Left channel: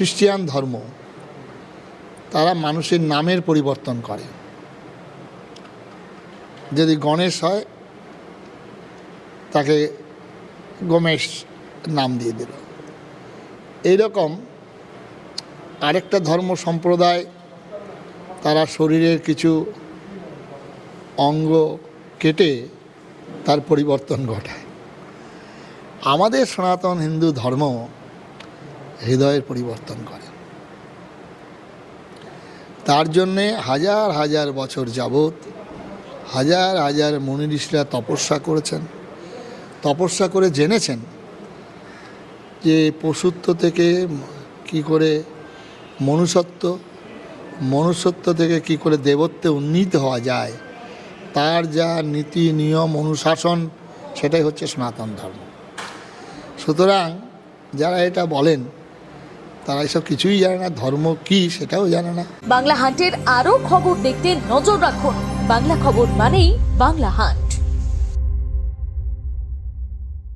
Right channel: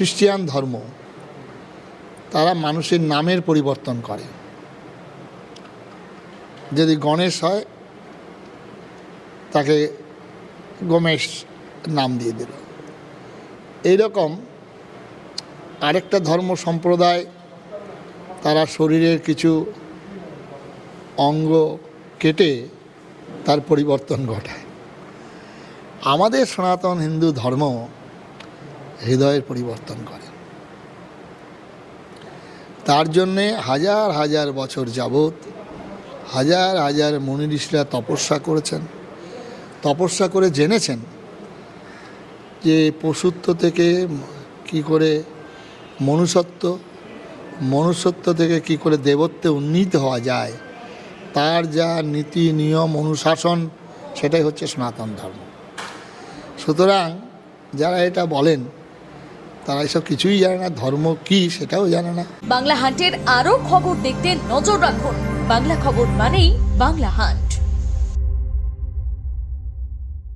খ্রিস্টান ধর্ম, তারা মানুষের নামের পরিবর্তন করে। যদি গণেশ হয় তাকে গমেশ নাম দিয়ে দেবে। এইরকম আরেকটা ধর্ম সম্প্রদায়, তারা শরীরের কিছু অঙ্গ কেটে তার পরিবর্তন ঘটায়। আমাদের সনাতন হিন্দু ধর্ম হৃদয়ের পরিবর্তন করে। তার জন্যে হাজার হাজার বছর যাবৎ হাজার হাজার মুনি ঋষিরা তপস্যা করেছেন, তপস্যা করে জেনেছেন যে পশুত্ব থেকে কি করে মনুষ্যত্ব, মনুষ্যত্ব থেকে কি করে দেবত্বে উন্নীত হওয়া যায়, তার যা নীতি নিয়ম অনুশাসন, সেটাই হচ্ছে সনাতন ধর্ম। সুতরাং যারা এটা বলেন তারা এসব কিছুই জানে না, ধর্ম কি সেটাও জানে না। বাংলা হান্টের আরো খবর দেখতে নজর রাখুন। বাংলা খবর মানেই বাংলা হান্ট।